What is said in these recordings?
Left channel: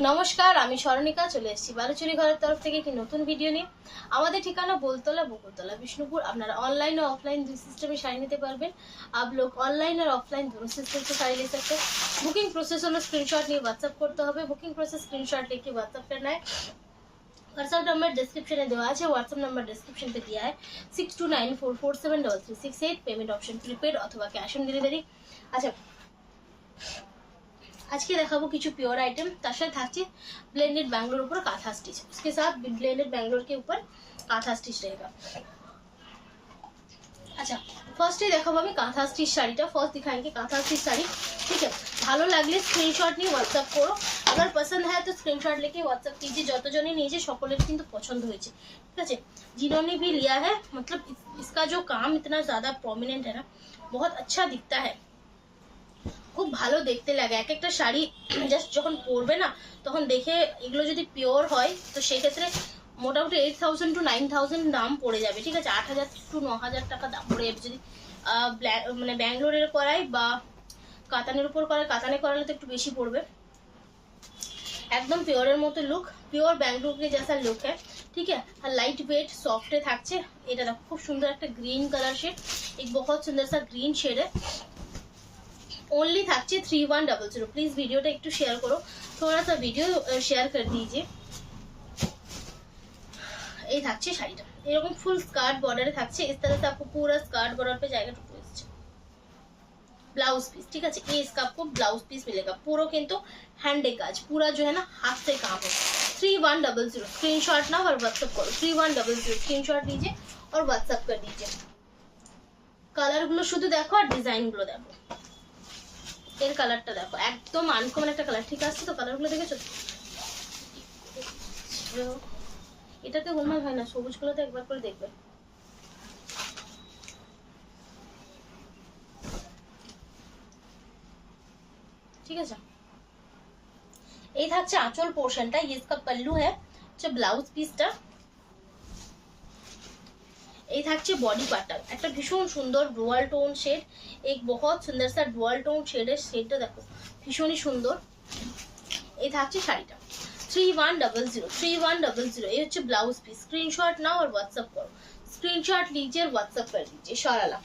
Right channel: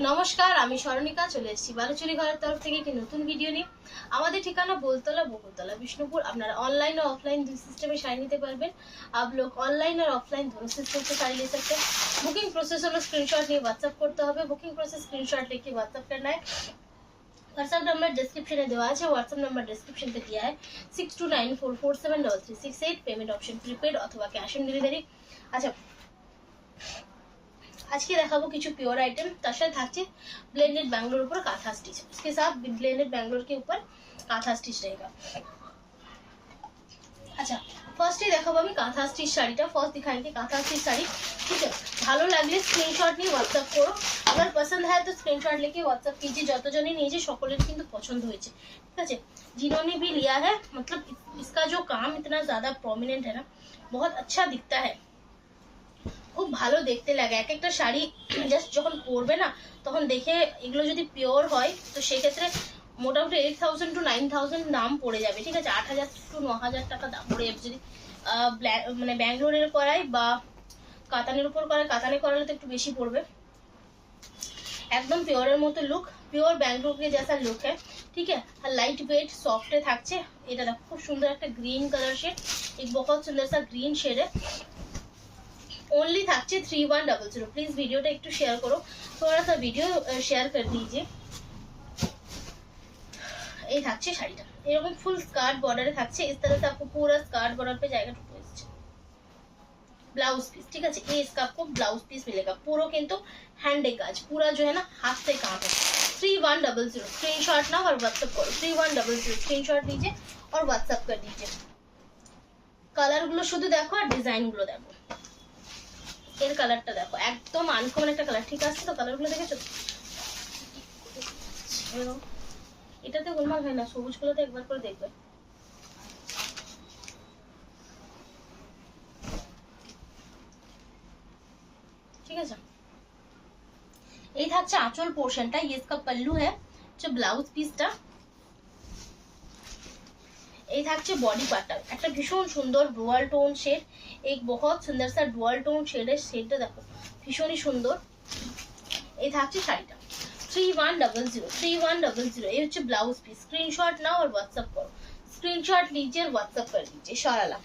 নমস্কার, আমি স্মরণিকা চলে এসেছি বালুচুরি ঘরের তরফ থেকে একটি নতুন ভিডিও নিয়ে। আমাদের ঠিকানা बोलतला बकुलतला विष्णुपुर। আপনারা ऑनलाइन और ऑफलाइन দুই সিস্টেমে শাড়ি নিতে পারবেন। आप लोग ऑनलाइन और ऑफलाइन दोनों सिस्टम से शाड़ी ले सकते हैं। बुकिंग प्रोसेस হলো स्क्रीनशॉट নিয়ে व्हाट्सएप করতে হবে। বুকিং প্রসেস স্ক্রিনশট লিখে व्हाट्सएप करना है। व्हाट्सएप नंबर डिस्क्रिप्शने দেওয়া আছে। व्हाट्सएप नंबर डिस्क्रिप्शनতে दिया है 6294473368। पेमेंट ऑप्शन प्रीपेड अथवा कैश ऑन डिलीवरी। আচ্ছা, আজকে দেখাবো কিছু प्योर आइटम, তার সাথে থাকছে ब्लेंडेड बैंगलोर ऊपर काथा स्टिच। उसके साथ ब्लेंडेड बैंगलोर के ऊपर काथा स्टिच रहेगा। अच्छा, फर्स्ट ही দেখাবো আমি কাঁথা স্টিচ শাড়িটা। ফার্স্ট दिखाएंगे কাঁথা স্টিচ শাড়ি। ठीक है, ভালো লাগলে স্ক্রিনশট নিয়ে व्हाट्सएप করো। अगर पसंद है तो स्क्रीनशॉट लेके व्हाट्सएप कीजिए। যতজনই নিয়েছে সকলের কিন্তু পছন্দ হয়েছে। ঠিক আছে, जिन्होंने भी लिया है मतलब इसका जो काम इतना ज्यादा प्रोमिनेंट है ना, बहुत अच्छा दिखता है, খুব ভালো দেখতে লাগে। এক একটা শাড়ি জাস্ট যখন পরবে না তখন দেখে এগুলো যদি পিওর হয় তো সেই ক্ষেত্রে মোটামুটি 8000 to 9000 দাম পড়ে যাবে। ঠিক আছে, 8000 to 9000 টাকা দাম পড়ে যাবে যদি মানে ব্যাঙ্গালোরের করাই বা কাতানের উপর করায়। কাতানে করালে তো একটু বেশি পড়বে। একদম পিওরের মতো লুক, পিওর बैंगलोर के जैसा लुक है। ठीक है, और लाइट वेट सॉफ्ट থাকছে। এটা দেখো খুব সুন্দর একটা গ্রিন কালার শেড, एक बहुत सुंदर सा ग्रीन शेड है। ओनली থাকছে 3100। प्लीज वीडियोটা একটু শেয়ার করো, थोड़ा सा वीडियो शेयर कर दीजिए। এই থাকছে শাড়িটা, এরকম ফুল স্কার্ট বর্ডারে থাকছে। इस तरह से आपको पूरा स्कार्ट बॉर्डर पे जाएगा। टू ब्लाउज पीस, ठीक है, ये इसका आपको ब्लाउज पीस मिलेगा। पूरा किंतु हैंड काज, पूरा जो है ना हाथ से काम है। 3100 स्क्रीनशॉट ना और व्हाट्सएप करो। 3100 स्क्रीनशॉट लीजिए और व्हाट्सएप कर दीजिए। কালার গুলো শুধু দেখো আর ডিজাইন গুলো দেখো। এর কালারটা দেখো, একদম আনকমন একটা কালার। ঠিক আছে তো, কালার গুলো দেখেছো? এটাতে গোলমাল হয় না, সবুজ গুলোতে একবার করে দেখবে। ঠিক আছে, এই থাকছে আঁচল পোর্শনটা। ये इसका पल्लू है। जो ব্লাউজ পিসটা, এই থাকছে বডি পার্টটা। একটা ভীষণ সুন্দর ডুয়াল টোন শেড, एक बहुत सुंदर सा ডুয়াল টোন শেডের শেডটা দেখো, ভীষণই সুন্দর। এই থাকছে শাড়িটা 3100। এই হচ্ছে ব্লাউজ পিস। স্ক্রিনশট নাও और व्हाट्सएप करो। স্ক্রিনশট लीजिए और व्हाट्सएप कर दीजिए। সরালা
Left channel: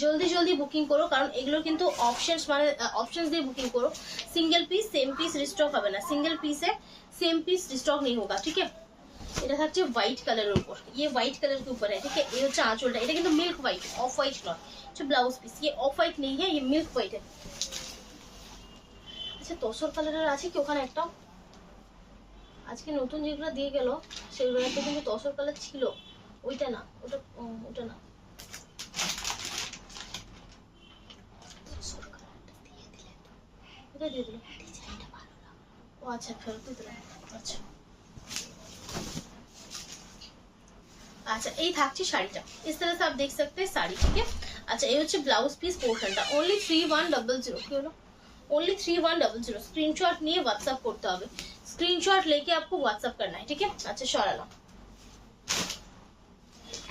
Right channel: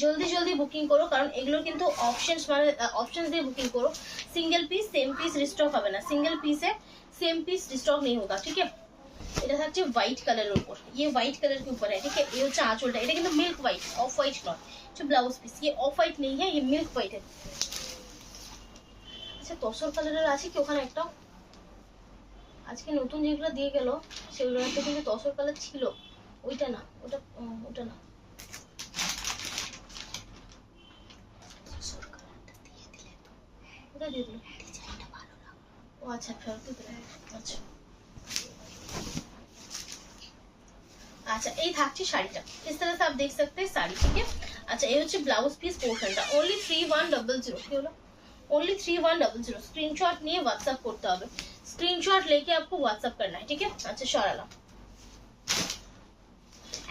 জলদি জলদি বুকিং করো, কারণ এগুলো কিন্তু অপশনস মানে অপশনস দিয়ে বুকিং করো। Single piece same piece restock হবে না, সিঙ্গেল পিসে सेम पीस रिस्टॉक नहीं होगा। ठीक है, এটা থাকছে হোয়াইট কালারের উপর। ये व्हाइट कलर के ऊपर है। ठीक है, ये হচ্ছে আঁচলটা। এটা কিন্তু মিল্ক হোয়াইট, অফ হোয়াইট নয়। হচ্ছে ব্লাউজ পিস, ये অফ হোয়াইট नहीं है, ये मिल्क হোয়াইট है। আচ্ছা, তসর কালারের আছে কি ওখানে একটা? আজকে নতুন যেগুলো দিয়ে গেল সেগুলোতে কিন্তু তসর কালার ছিল। ওইটা না, ওটা ওটা না। ওটা দিয়ে দিল। ও আচ্ছা, ফেরত দিতে। আচ্ছা अच्छा, এই থাকছে শাড়িটা। इस तरह से आप देख सकते हैं साड़ी। ठीक है, अच्छा, ये হচ্ছে ব্লাউজ পিস পোর্শনটা। ओनली 3100। কি হলো? ओनली 3100। स्क्रीनशॉट নিয়ে व्हाट्सएप করতে হবে। स्क्रीनशॉट लेके आपको व्हाट्सएप करना है। ठीक है, अच्छा সরালাম।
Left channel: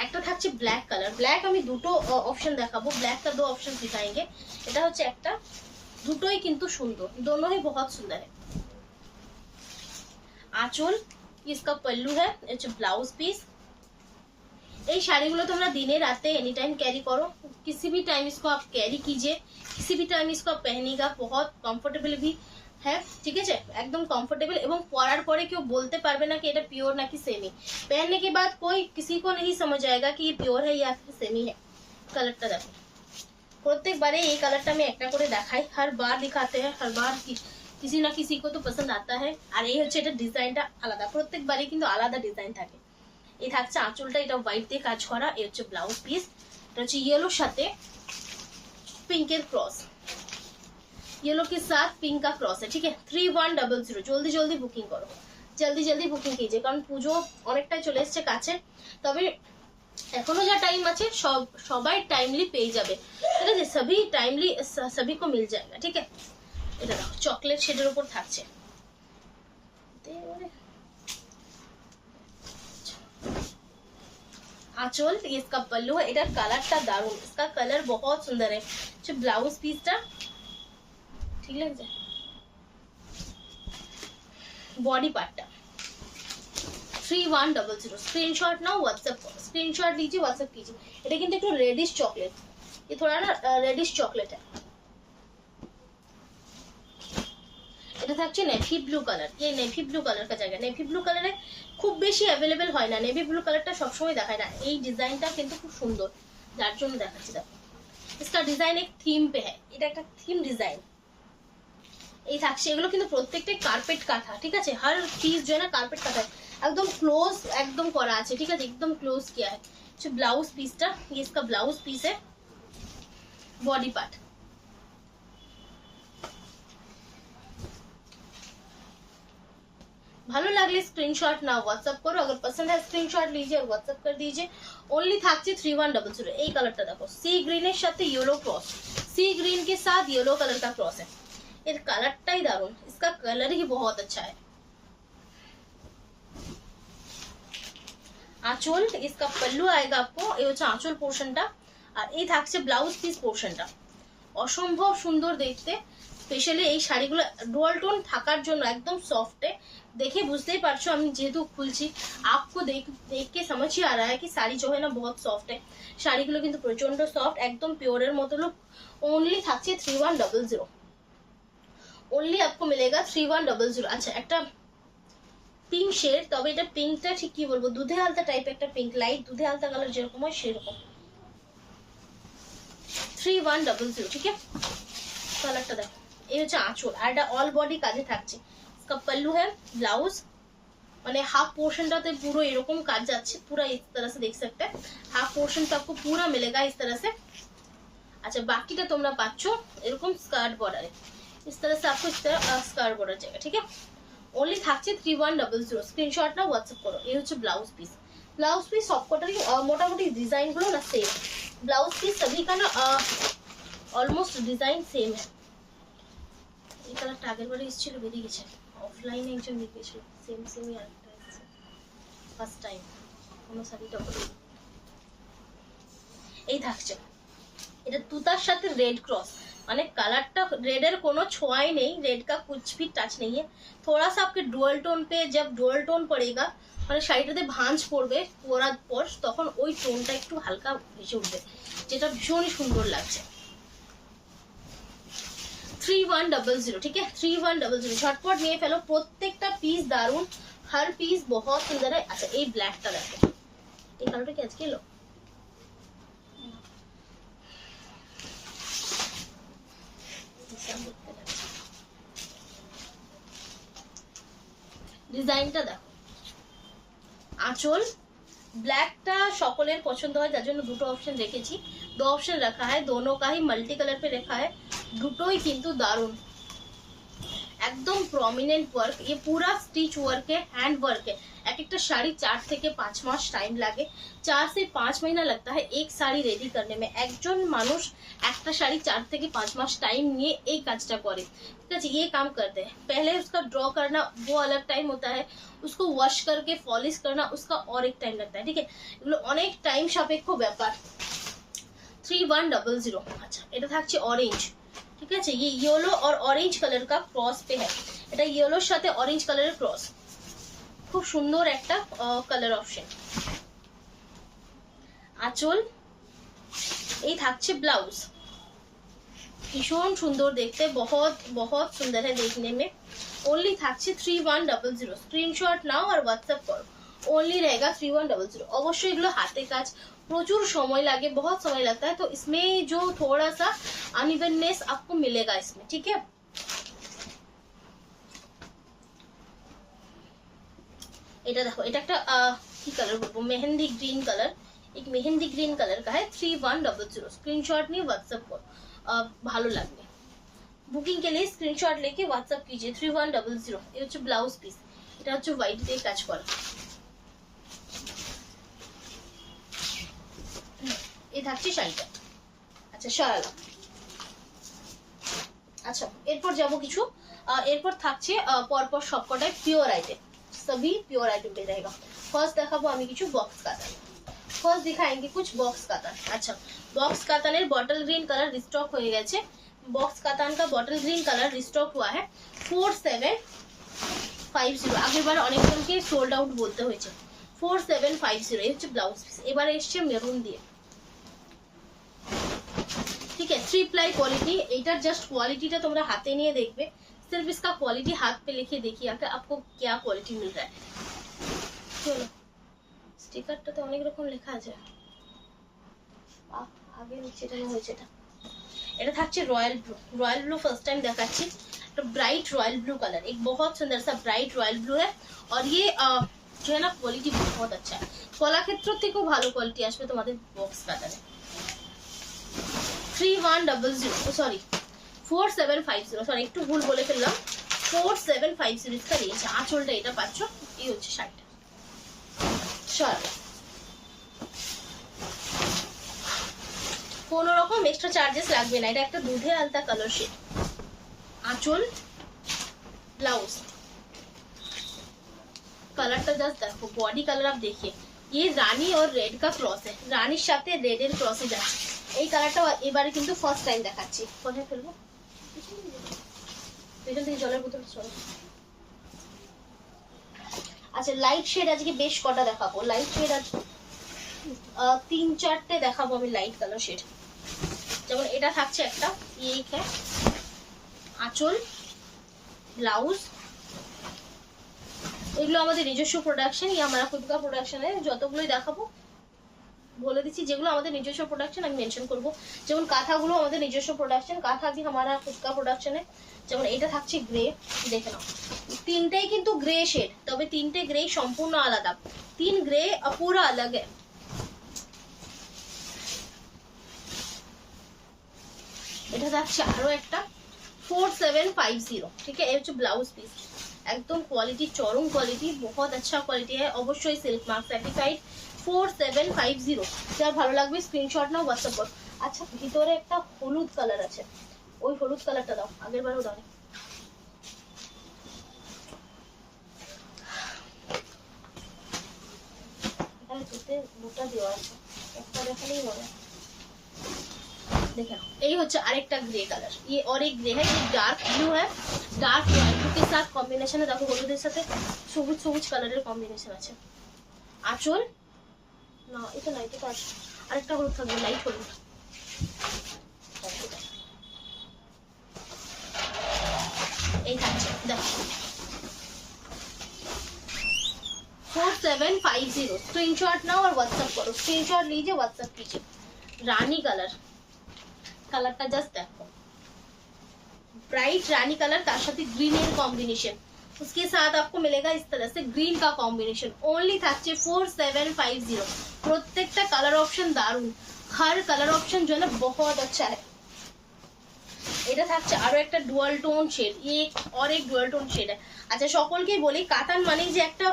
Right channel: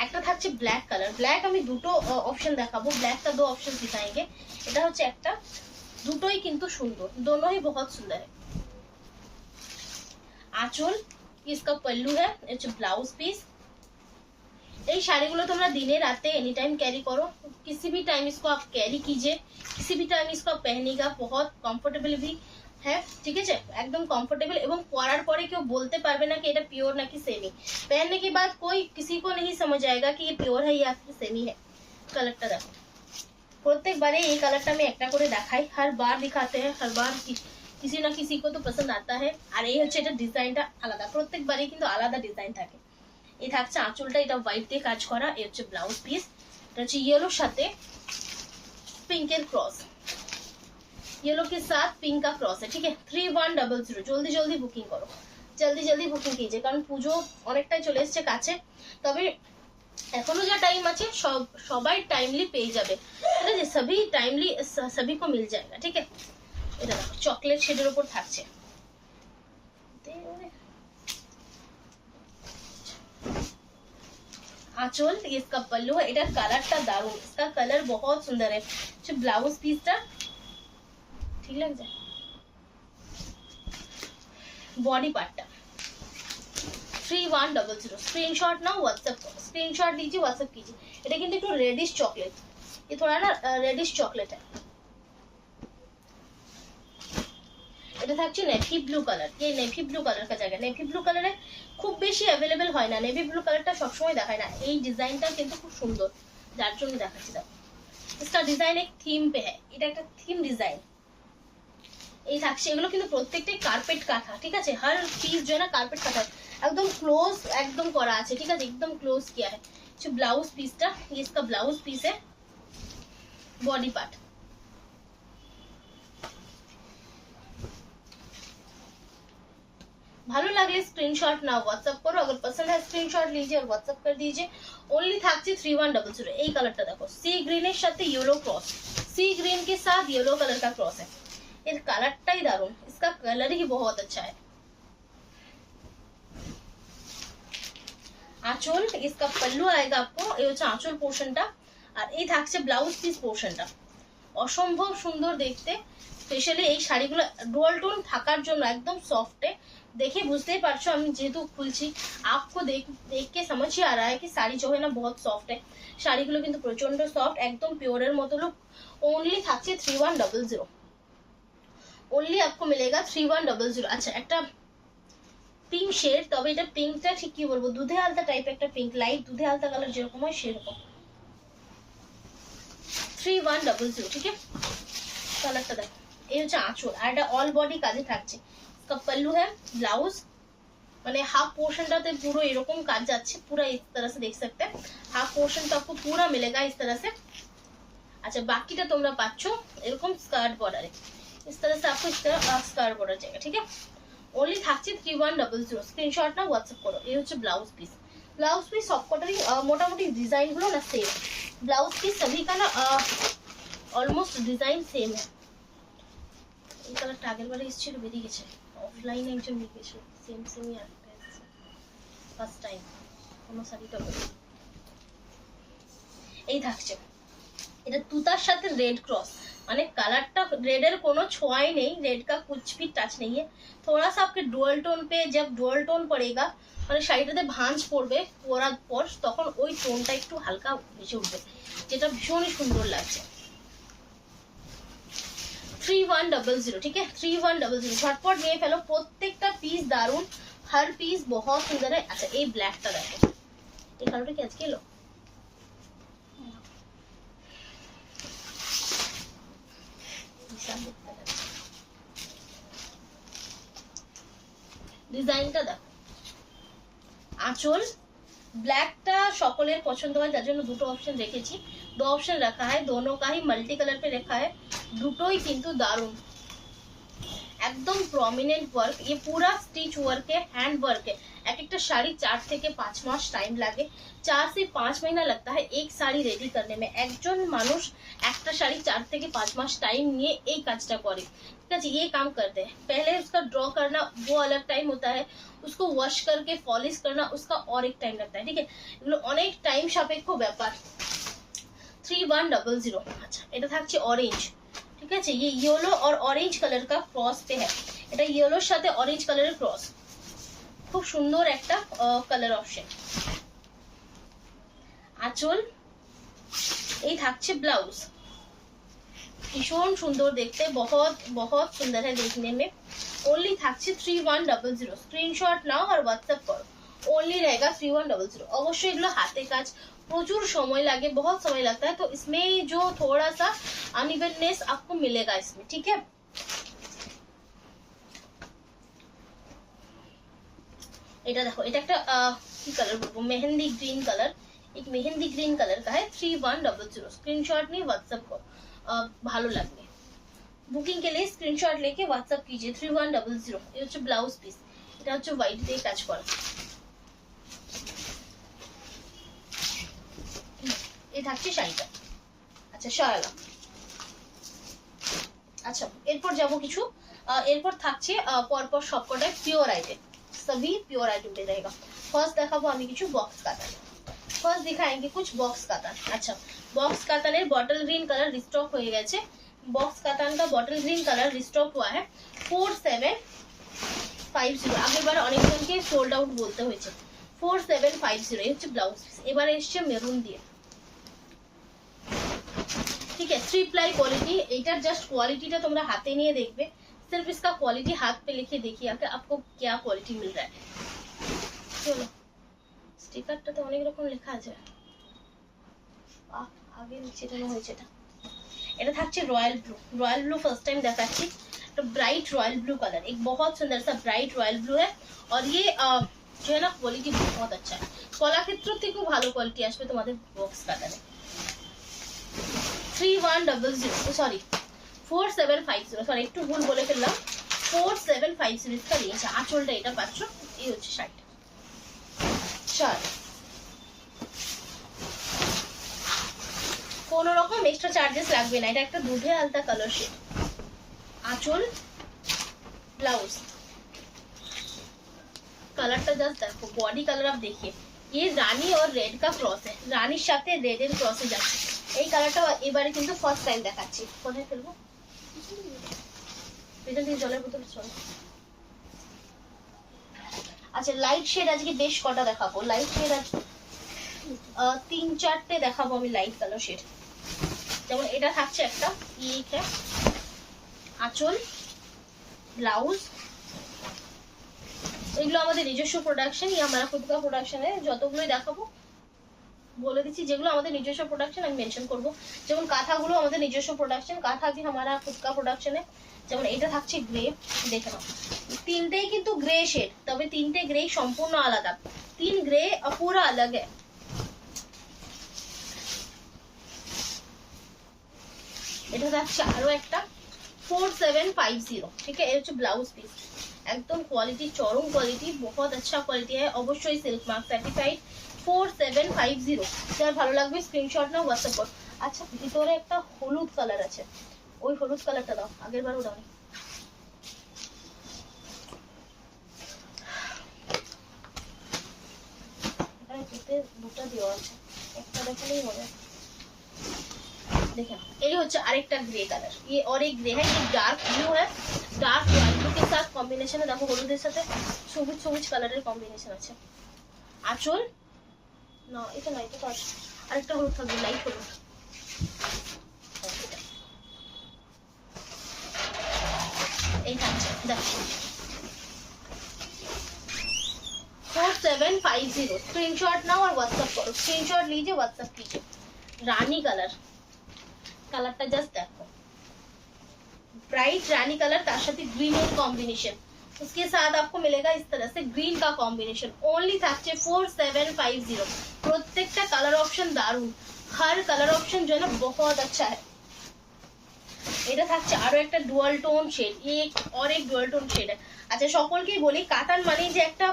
একটা থাকছে ব্ল্যাক কালার। ব্ল্যাক আমি দুটো অপশন দেখাবো। ব্ল্যাক का दो ऑप्शन दिखाएंगे। এটা হচ্ছে একটা, দুটোই কিন্তু সুন্দর, दोनों ही बहुत सुंदर है। আঁচল, इसका पल्लू है, ये হচ্ছে ব্লাউজ পিস। এই শাড়িগুলো তোমরা দিনে রাতে एनी टाइम कैरी करो, किसी भी टाइम इसको आप कैरी कीजिए, किसी भी टाइम इसको आप पहनिएगा। बहुत कंफर्टेबल भी है। ঠিক আছে, একদম कंफर्टेबल, এবং পরার পরে কেউ বলতে পারবে না कि এটা পিওর নাকি সেমি। पहनने के बाद कोई किसी को नहीं समझ आएगा कि ये प्योर है या फिर सेमी है। কালারটা দেখো, প্রত্যেকবারে এই কালারটা আমি একটা করে দেখাই, हर बार दिखाते हैं, हर बार किसी ना किसी को तो पसंद आता है। আর এই হচ্ছে এটা ডিজাইনটা আলাদা, প্রত্যেকবারে কিন্তু আলাদা ডিজাইন থাকে। এই থাকছে আঁচলটা, এটা হোয়াইট দিয়ে কাজ করা। এই হচ্ছে ব্লাউজ পিস, এটা হচ্ছে येलो সাথে পিঙ্কের ক্রস, येलो के साथ पिंक का क्रॉस है। ठीक है, 3100। জলদি জলদি বুকিং করো, জলদি জলদি বুকিং कीजिए, কারণ পুজো অনেকটাই চলে এসেছে কাছে। তবে এখনো যা টাইম আছে সবাই টাইমলি পেয়ে যাবে। ঠিক আছে, সবই টাইমলি सभी को मिल जाएगा। ठीक है, এটা দেখো চকলেট শেডের উপর থাকছে। आंचल, ये इसका पल्लू है। इधर कलर का दारुण, इसका कलर बहुत सुंदर है। जो ब्लाउज पीस टा ठीक लग जाए। Body part 3100 screenshot now WhatsApp करो स्क्रीनशॉट लीजिए व्हाट्सएप कीजिए এটা কিন্তু একটু রেডিশ চকলেট ये थोड़ा ना रेडिश चॉकलेट है এটা থাকছে নেভি ব্লু কালার এই নেভি ব্লু কালার का জায়গা নেভি ব্লু কালারে খুব বেশি अवेलेबल হয় না নেভি ব্লু কালারটা সব সময় দেখায় না এই ডিজাইনটা কিন্তু খুব সুন্দর যার জন্য দেখাচ্ছি দেখো इसका डिजाइन एक थीम पे है এটা একটা থিম ডিজাইন এই থাকছে এগুলো কিন্তু প্রত্যেকটাই কার্পেট কাটা ঠিক আছে हर चीज जो है ना कारपेट काटा एकदम क्लोज एकदम করা আছে ঠিক আছে एकदम क्लोज किया है जो ब्लाउज पीसটা ये इसका ब्लाउज पीस है बॉडी पार्ट ভালো লাগলে স্ক্রিনশট নাও व्हाट्सएप करो अगर पसंद है स्क्रीनशॉट लीजिए और व्हाट्सएप कर दीजिए ओनली থাকছে 3100 এই কালারটা দেখো সি গ্রিনের সাথে येलो क्रॉस सी ग्रीन के साथ येलो कलर का क्रॉस है এর কালারটাই দারুণ इसका कलर ही बहुत अच्छा है आंचल इसका पल्लू आएगा आपको ये হচ্ছে आंचल পোরশনটা আর এই থাকছে ব্লাউজ পিস পোরশনটা অসম্ভব সুন্দর দেখতে স্পেশালি এই শাড়িগুলো ডুয়াল টোন থাকার জন্য একদম সফটে देखिए বুঝতেই পারছো আমি যেহেতু খুলছি आपको देख के समझ ही आ रहा है कि साड़ी जो है ना बहुत सॉफ्ट है শাড়িগুলো কিন্তু প্রচন্ড সফট একদম পিওরের মতো লুক ओनली থাকছে 3100 ओनली आपको मिलेगा 3100 अच्छा একটা পিঙ্ক শেড তবে এটা পিঙ্কটা ঠিক কি বলবো দুধে আলতা টাইপ একটা পিঙ্ক লাইট দুধে আলতা কালার যেরকম হয় সেরকম 3100 ঠিক আছে কালারটা দেখো এই হচ্ছে আঁচল আর এটা অল বডি কাজে থাকছে इसका पल्लू है ब्लाउज माने हाफ पोर्शनটাতে পুরো এরকম কাজ যাচ্ছে पूरा इस तरह से देख सकते हैं हाफ पोर्शन तो आपको पूरा मिलेगा इस तरह से अच्छा बाकीটা তোমরা পাচ্ছো এরকম স্কার্ট বর্ডারে इस तरह से आपको इस तरह स्कार्ट बॉर्डर चाहिए ठीक है ओनली থাকছে 3100 স্ক্রিনশট না WhatsApp করো এই হচ্ছে ब्लाउज पीस সবকটারই মোটামুটি ডিজাইন গুলো না সেম ब्लाउज पीस सभी का ना ऑलमोस्ट डिजाइन सेम है এই কালারটা আগের বারে এসেছিল বেরিয়ে গেছে অফলাইনে একজন লিখেছিল সেমই আরেকটা এসেছে ফার্স্ট টাইম কোনো শাড়িটা বলি এই থাকছে এটা তুতার সাথে रेड क्रॉस माने कलरটা रेड কোনো ছোঁয়াই নেই रेड का कुछ भी टच नहीं है थोड़ा सा आपके डुअल टोन पे जब डुअल टोन पड़ेगा মানে শাড়িটাতে ভাঁজ পড়বে পরার পর তখন ওই টোনটা একটু হালকা ভেসে উঠবে যেটা ভীষণই সুন্দর লাগছে 3100 ठीक है 3100 झटपट নিয়ে ফেলো প্রত্যেকটা পিস দারুন हर पीस बहुत सुंदर है अच्छा এই ব্ল্যাকটা দেখো এই কালারটা কি আজকে এলো ডিজাইনটা দেখো আঁচল ব্ল্যাকটা সকলের পছন্দ হয় যার জন্য দুটো অপশন রেখেছি दो ऑप्शन रखा है दोनों का ही मल्टी कलर पे रखा है দুটোই কিন্তু দারুন एकदम प्रोमिनेंट वर्क ये पूरा स्टिच वर्क है हैंड वर्क है एक एक শাড়ি 4 থেকে 5 মাস টাইম লাগে 4 से 5 महीना लगता है एक শাড়ি रेडी करने में একজন মানুষ একটা শাড়ি 4 থেকে 5 মাস টাইম নিয়ে এই কাজটা করে ঠিক আছে ये काम करते हैं पहले उसका ड्रॉ करना वो अलग टाइम होता है उसको वॉश करके पॉलिश करना उसका और एक टाइम लगता है ठीक है এগুলো অনেক টাইম সাপেক্ষ ব্যাপার 3100 अच्छा এটা থাকছে অরেঞ্জ ठीक है ये येलो और ऑरेंज कलर का क्रॉस पे है এটা येलोর সাথে অরেঞ্জ কালারের ক্রস খুব সুন্দর একটা কালার অপশন আঁচল এই থাকছে ব্লাউজ ভীষণ সুন্দর দেখতে बहुत बहुत सुंदर है देखने में ओनली থাকছে 3100 স্ক্রিনশট নাও আর WhatsApp করো ओनली रहेगा 3100 অবশ্যই এগুলো হাতে কাজ प्रचुर समय लगे बहुत समय लगता है तो इसमें जो थोड़ा सा अनइवननेस आपको मिलेगा इसमें ठीक है এটা দেখো এটা একটা কি কালার বলবো মেহেন্দি গ্রিন কালার एक मेहंदी ग्रीन कलर का है 3100 स्क्रीनशॉट नहीं व्हाट्सएप करो ভালো লাগবে বুকিং के लिए स्क्रीनशॉट लेके व्हाट्सएप कीजिए 3100 ये হচ্ছে ব্লাউজ পিস এটা হচ্ছে হোয়াইট দিয়ে কাজ করা এই থাকছে শাড়িটা আচ্ছা শাড়ি আচ্ছা এরপর যাব কিছু এরপর থাকছে পরপর সবকটাই পিওর আইটেম सभी प्योर आइटम पे रहेगा फर्स्ट দেখাবো আমি কিছু বক্স কাতান फर्स्ट दिखाएंगे कुछ बॉक्स कातान अच्छा box katan bottle green colour restock हो गए बॉक्स कातान का बॉटल ग्रीन कलर रिस्टॉक हुआ है 4750 4750 আগেরবার অনেকজনকে সোল্ড আউট বলতে হয়েছে 4750 এই হচ্ছে ব্লাউজ পিস এবারে এসছে মেরুন দিয়ে ठीक है 3 प्लाई क्वालिटी एटार जस्ट क्वालिटीটা তোমরা হাতে নিয়ে দেখবে सिर्फ इसका क्वालिटी हाथ पे लिखे देखिए आके आपको क्या क्वालिटी मिल रहा है चलो স্টিকারটাতে অনেক রকম লেখা আছে আগে নিচেটা হয়েছে এটা থাকছে रॉयल ब्लू फर्स्ट टाइम দেখাচ্ছি तो ब्राइट रॉयल ब्लू कलर एक बहुत सुंदर सा ब्राइट रॉयल ब्लू है और ये जो है ना क्वालिटी बहुत अच्छा है কলাক্ষেত্র থেকেও ভালো কোয়ালিটি আসবে তোমাদের বক্স কাটারে 3100 सॉरी 4750 सॉरी একটু ভুল বলে ফেললাম 4750 इसका নিয়েছে আঁচলটা এটা পাচ্ছ এই হচ্ছে শাড়িটা চলো কোনো রকম এক্সট্রা চার্জেস লাগবে না এটা একটা দুধে আলতা কালার শেড आंचल ब्लाउज कलर जस्ट देखो बॉडी कलर आप देखिए ये रानी और रेड का क्रॉस है रानीर साथे रेडर क्रॉसे যাচ্ছে এই কালারটা এবারে কিন্তু ফার্স্ট টাইম দেখাচ্ছি কোথায় ফেলবো এটা দিয়ে জলের বোতল চলো আচ্ছা লাইট শেড আজকে বেশ কটা দেখাবো লাইট শেড আজ 3-4টে দেখাবো আমি লাইট কালার শেড যেমন এটা থাকছে একটা ये है आंचल ब्लाउज এগুলো আমাদের নিজস্ব প্রোডাকশন ये हमारा खुद का प्रोडक्शन है যতগুলোই দেখাবো বলে দিচ্ছি যেগুলো আমাদের নিজস্ব প্রোডাকশন আমি মেনশন করব যেমন কাঁথাগুলো আমাদের নিজস্ব প্রোডাকশন কাঁথা भी हमारा खुद का प्रोडक्शन है যেমন এটা থাকছে গ্রে দেখে নাও তিনটেই কিন্তু গ্রে শেড তবে তিনটে গ্রে সম্পূর্ণ আলাদা তিন গ্রে পুরো अलग है এটা থাকছে আরো একটা 4750 ठीक है ये হচ্ছে ব্লাউজ পিস एकदम क्वालिटी चरम क्वालिटी बहुत अच्छा क्वालिटी है অবশ্যই সিল্ক মার্ক সার্টিফাইড 4750 যার ভালো লাগবে স্ক্রিনশট নাও WhatsApp করো আচ্ছা ভিতরে একটা হলুদ কালার আছে ওই হলুদ কালারটা দাও আগেরবারও দাও এখানে দুটো দেওয়া আছে একটা দেখালেই হবে देखें ये होच्छे आरेकटा ग्रे कलर ये और एक ग्रे है ये डार्क ब्लू है डार्क रॉयल ब्लू के साथ कॉम्बिनेशन है देखो हलुদের সাথে সবুজ সবুজ কালারের কম্বিনেশন আছে আঁচল না এটা না এটা পাঁচ আরেকটা হলুদ থাকবে লাইট হলুদ এই থাকছে দেখো 4750 स्क्रीनशॉट नाउ और व्हाट्सएप करो स्क्रीनशॉट लीजिए व्हाट्सएप कीजिए रानी कलर कलरটা জাস্ট দেখো ब्राइट रानी कलर तार साथे ग्रीन एर कॉम्बिनेशन उसके साथ आपको मिलेगा इस तरह से ग्रीन का कॉम्बिनेशन ओनली থাকছে 4750 প্রত্যেকটা কালার অপশন দারুন हर कलर ऑप्शन जो है ना बहुत अच्छा है এটা থাকছে আরো একটা ডুয়াল টোন শেড एक और एक ডুয়াল টোন শেড है আচ্ছা সকলকেই বলি কাতান মানে যে একটা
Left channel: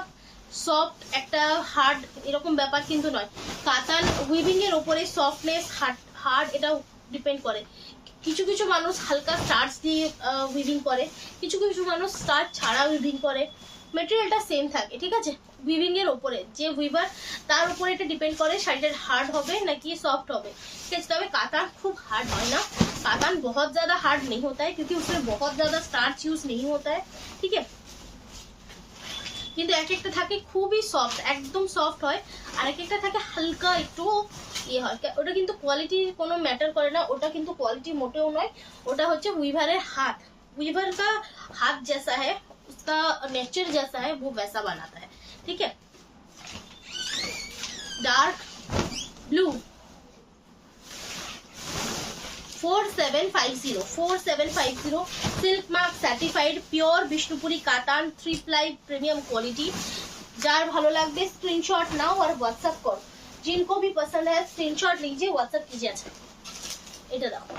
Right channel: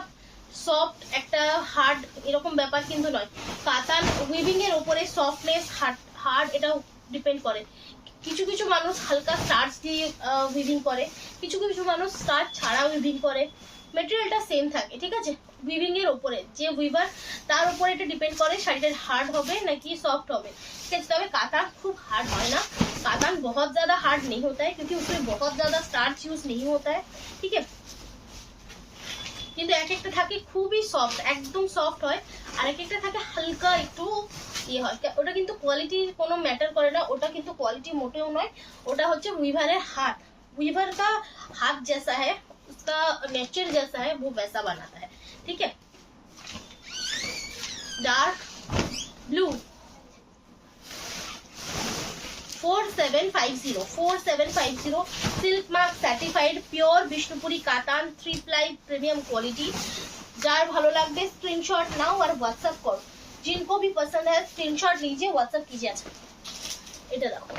সফট একটা হার্ড এরকম ব্যাপার কিন্তু নয় কাতান উইভিং এর উপরে সফটনেস হার্ড এটা ডিপেন্ড করে কিছু কিছু মানুষ হালকা স্টার্চ দিয়ে উইভিং করে কিছু কিছু মানুষ স্টার্চ ছাড়া উইভিং করে মেটেরিয়ালটা সেম থাকে ঠিক আছে উইভিং এর উপরে যে উইভার তার উপরে এটা ডিপেন্ড করে শাড়িটা হার্ড হবে নাকি সফট হবে ঠিক আছে তবে কাতান খুব हार्ड है ना कातान बहुत ज्यादा हार्ड नहीं होता है क्योंकि उसमें बहुत ज्यादा स्टार्च यूज नहीं होता है ठीक है কিন্তু এক একটা থাকে খুবই সফট একদম সফট হয় আর এক একটা থাকে হালকা একটু ये হয় ওটা কিন্তু কোয়ালিটি কোনো ম্যাটার করে না ওটা কিন্তু কোয়ালিটি মোটেও নয় ওটা হচ্ছে উইভারের হাত वीवर का हाथ जैसा है उसका नेचर जैसा है वो वैसा बनाता है ठीक है dark blue 4750 silk mark certified pure Vishnupuri katan 3 ply premium quality jar भालो लागबे स्क्रीनशॉट नाओ और व्हाट्सएप करो जिनको भी पसंद है स्क्रीनशॉट लीजिए व्हाट्सएप कीजिए अच्छा এটা দেখো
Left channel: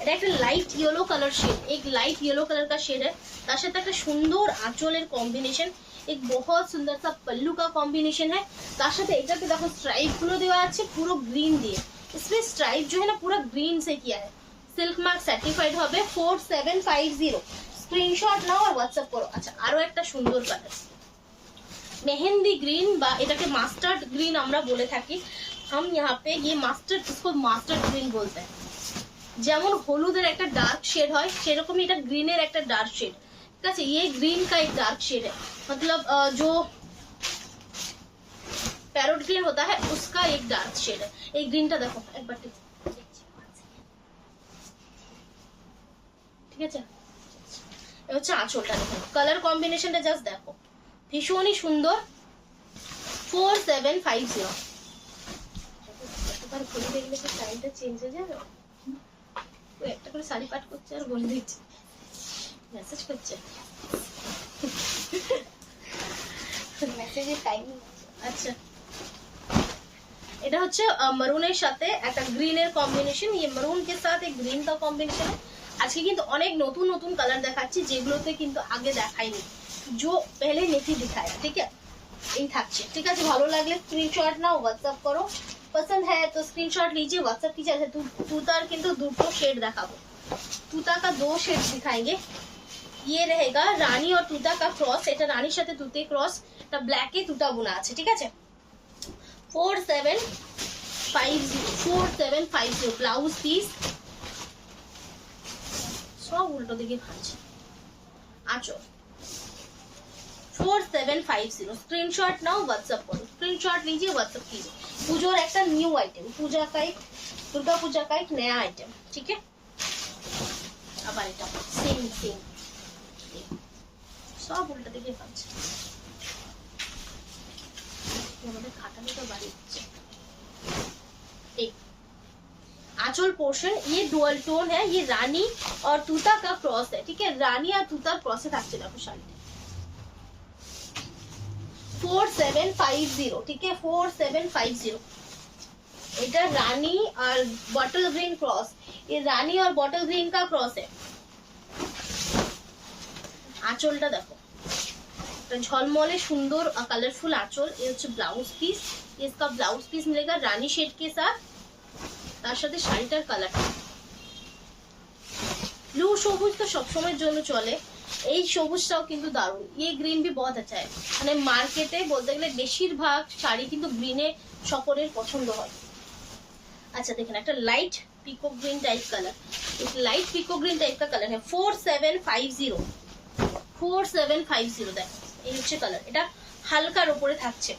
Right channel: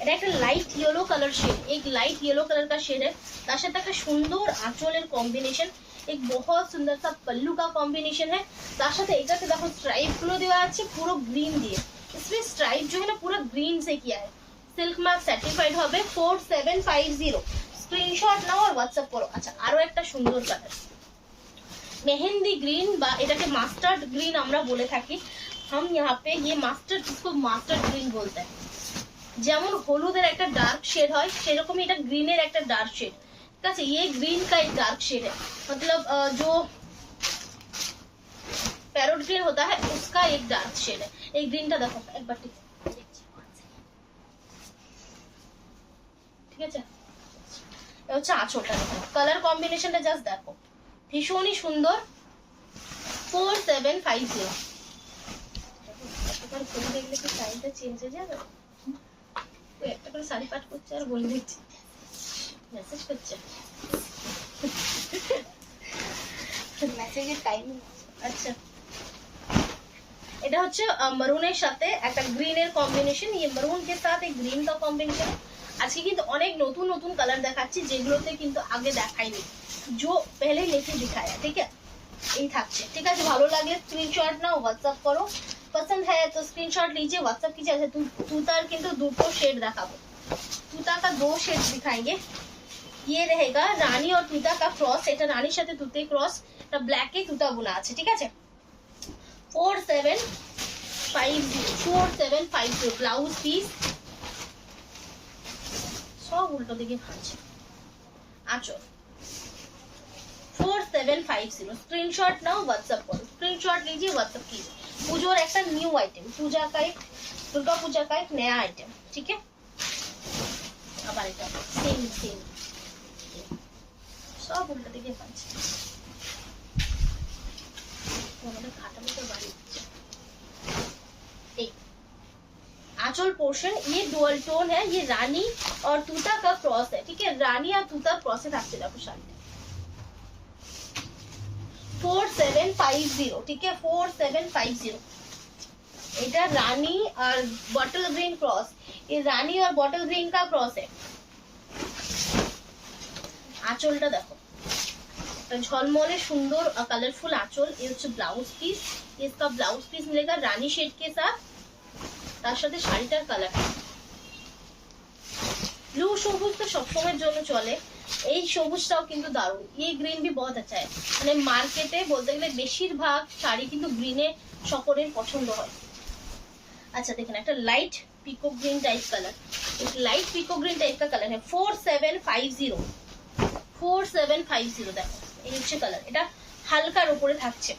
এটা একটা লাইট ইয়েলো কালার শেড एक लाइट येलो कलर का शेड है তার সাথে একটা সুন্দর আঁচলের কম্বিনেশন एक बहुत सुंदर सा पल्लू का कॉम्बिनेशन है তার সাথে এটাতে দেখো স্ট্রাইপ গুলো দেওয়া আছে পুরো গ্রিন দিয়ে इसमें स्ट्राइप जो है ना पूरा ग्रीन से किया है सिल्क मार्क सर्टिफाइड হবে 4750 स्क्रीनशॉट नाও और व्हाट्सएप करो अच्छा আরো একটা সুন্দর কালার मेहंदी ग्रीन বা এটাকে মাস্টার্ড গ্রিন আমরা বলে থাকি हम यहाँ पे ये मास्टर्ड इसको मास्टर्ड ग्रीन बोलते हैं যেমন হলুদের একটা ডার্ক শেড হয় সেরকমই এটা গ্রিনের একটা ডার্ক শেড ठीक है। ये ग्रीन का एक डार्क शेड है, मतलब जो पैरोट ग्रीन होता है उसका एक डार्क शेड है। एक ग्रीन का देखो एक बार ठीक আছে। হচ্ছে আঁচলটা দেখো, কালার কম্বিনেশনটা জাস্ট দেখো, ভীষণই সুন্দর। 4750। একবার খুলে দেখলে কি সাইজটা চেঞ্জ হয়ে যাবে? একটা করে শাড়ি পাট করছে আর বলে দিচ্ছি, মেসেজ করছে মেসেজের টাইমিং। আচ্ছা, এটা হচ্ছে মারুনের সাথে একটা গ্রিনের কম্বিনেশন। ये मरून के साथ एक ग्रीन का कॉम्बिनेशन है। আজকে কিন্তু অনেক নতুন নতুন কালার দেখাচ্ছি যেগুলোতে কিন্তু আগে দেখাইনি, जो पहले नहीं दिखाया। ठीक है, এই থাকছে। ঠিক আছে, ভালো লাগলে স্ক্রিনশট নাও, হোয়াটসঅ্যাপ করো। पसंद है तो स्क्रीनशॉट लीजिए, व्हाट्सएप कीजिए। अच्छा, तूतार কিন্তু দুটো শেড দেখাবো, तूता का 2 शेड दिखाएंगे। ये रहेगा रानी और तूता का क्रॉस, এটা রানীর সাথে তুতে ক্রস, এটা ব্ল্যাক এ তুতা বোনা আছে। ঠিক আছে, 4750 ব্লাউজ পিস, সব উল্টো দিকে খাচ্ছে। আঁচল 4750। स्क्रीनशॉट नाउ, व्हाट्सएप करो। स्क्रीनशॉट लीजिए, व्हाट्सएप कीजिए। পুজোর একটা নিউ আইটেম, পূজা का एक दुर्गा पूजा का एक नया आइटम। ठीक है, আবার এটা সেম সেম, সব উল্টো দিকে খাচ্ছে। আমাদের খাটানো তো বাড়ি হচ্ছে। एक आंचल पोर्शन, ये डुअल टोन है, ये रानी और तूता का क्रॉस है। ठीक है, रानी और तूता क्रॉस है থাকছে দেখো শাড়িতে। 4750। ठीक है, 4750। এটা রানী আর বটল গ্রিন क्रॉस, ये रानी और बॉटल ग्रीन का क्रॉस है। আঁচলটা দেখো, झलमले सुंदर कलरफुल आंचल। ये হচ্ছে ब्लाउज पीस, इसका ब्लाउज पीस मिलेगा रानी शेड के साथ, তার সাথে শাড়িটার কালারটা ব্লু সবুজ তো সবসময়ের জন্য চলে, এই সবুজটাও কিন্তু দারুণ। ये ग्रीन भी बहुत अच्छा है, মানে মার্কেটে বলতে গেলে বেশিরভাগ শাড়ি কিন্তু গ্রিনে সকলের পছন্দ হয়। अच्छा देखें, একটা লাইট পিকো গ্রিন টাইপ কালার, एक लाइट पिको ग्रीन टाइप का कलर है। 4750 4750 দেখো, এই হচ্ছে কালার। এটা হালকার উপরে থাকছে।